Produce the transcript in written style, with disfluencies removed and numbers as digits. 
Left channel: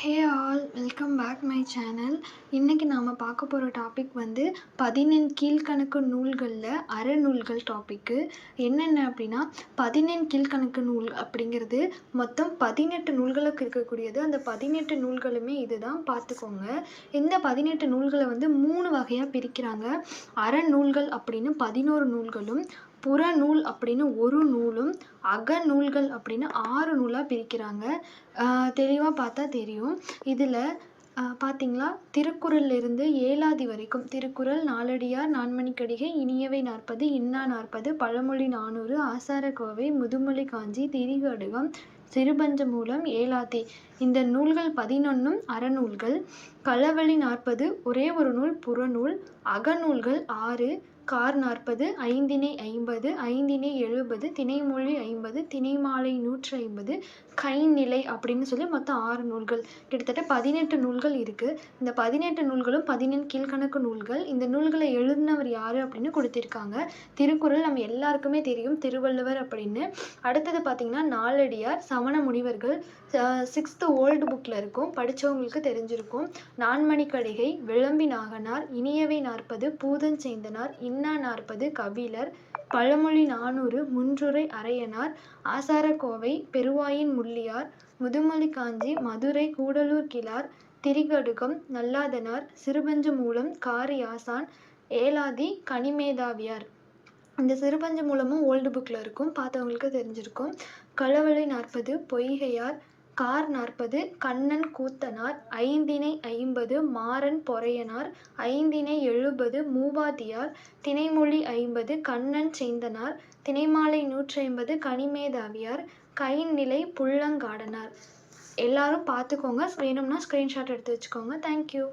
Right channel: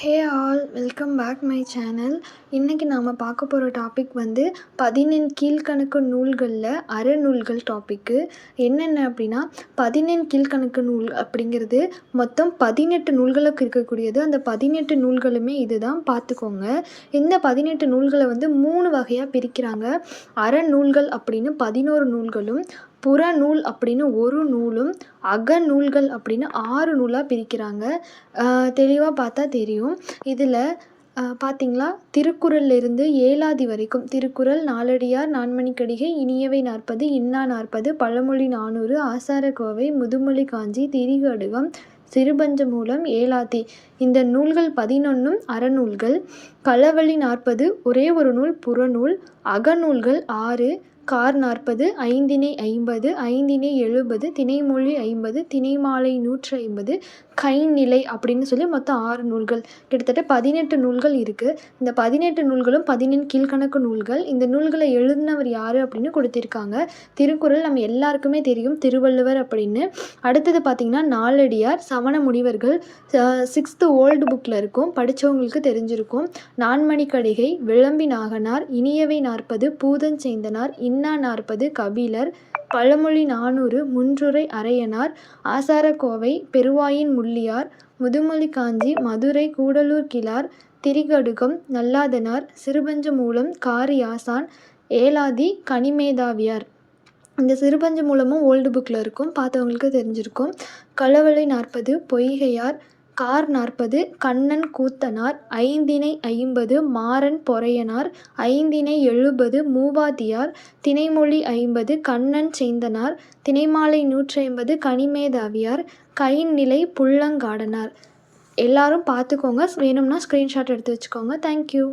Hey all welcome back my channel. இன்றைக்கி நாம் பார்க்க போகிற டாபிக் வந்து 14 கீழ்க்கணக்கு நூல்களில் அறநூல்கள் டாப்பிக்கு. என்னென்ன அப்படின்னா 14 கீழ்க்கணக்கு நூல் அப்படிங்கிறது மொத்தம் 18 நூல்களுக்கு இருக்கக்கூடியது. அந்த 18 நூல்களுமே இது தான், பார்த்துக்கோங்க. இந்த 18 நூல்களை வந்து 3 வகையாக பிரிக்கிறாங்க. அறநூல்கள் அப்படின்னு 11 நூல்களும், புறநூல் அப்படின்னு ஒரு நூலும், அகநூல்கள் அப்படின்னு 6 நூலாக பிரிக்கிறாங்க. தெளிவாக பார்த்தா தெரியும். இதில் பார்த்தீங்களா, திருக்குறள்லேருந்து ஏலாதி வரைக்கும் திருக்குறள், நாலடியார், நான்மணிக்கடிகை, இனியவை 40, இன்னா 40, பழமொழி 400, ஆசாரக்கோவை, முதுமொழி காஞ்சி, திரிகடுகம், சிறுபஞ்சமூலம், ஏலாதி, இந்த நூல்கள் 11ம் அறநூல்கள். களவழி 40 ஒரே ஒரு நூல் புறநூல். அகநூல்கள் 6, கார் 40, ஐந்திணை 50, ஐந்திணை 70, திணைமொழி 50, திணைமாலை 150, கைநிலை அப்படின்னு சொல்லி மொத்தம் 6 நூல்கள். கிட்டத்தட்ட 18 நூல்கள் இருக்குது. இந்த 18 நூல்களும் 14 கீழ்க்கணக்கு நூல்கள். இந்த நூல்களை எழுதினவர் யார் அப்படின்னு கொடுத்திருக்காங்க. திருக்குறள் நம்ம எல்லாருக்குமே தெரியும், திருவள்ளுவர் அப்படின்னு. அடுத்தது பார்த்திங்கன்னா நாலடியார், சமண முனிவர்கள், 6th ஓல்டு புக்கில் இருக்கும், படித்தவங்களுக்கு தெரிஞ்சிருக்கும். நான்மணிக்கடிகை, விளம்பி நாகனார், இனியவை 40, பூதஞ்சேந்தனார், இன்னா 40, கபிலர், பழமொழி 400, முன்றுரை அரையனார், ஆசாரக்கோவை, பெருவாயின் முள்ளியார், முதுமொழி காஞ்சி, மதுரை கூடலூர் கிழார், திரிகடுகம், நல்லாதனார், சிறுபஞ்சமூலம், காரியாசான், ஏலாதி, கனிமேதாவியார். இந்த சிறுபஞ்சமூலமும் ஓல்டு புக்கில் இருக்கும், பார்த்தவங்களுக்கு தெரிஞ்சிருக்கும். களவழி 40, பொய்கையார், கார் 40, கண்ணன் கூத்தனார், ஐந்திணை 50, மாறன் பொறையனார், ஐந்திணை 70, மூவாதியார், திணைமொழி 50, கண்ணன் சேந்தனார், திணைமாலை 150, கனிமேதாவியார், கைநிலை புல்லங்காடனார். எல்லாரும் பார்த்துக்கோங்க. வேணும்னா ஸ்க்ரீன்ஷாட் எடுத்து வச்சுக்கோங்க. தேங்க்யூ.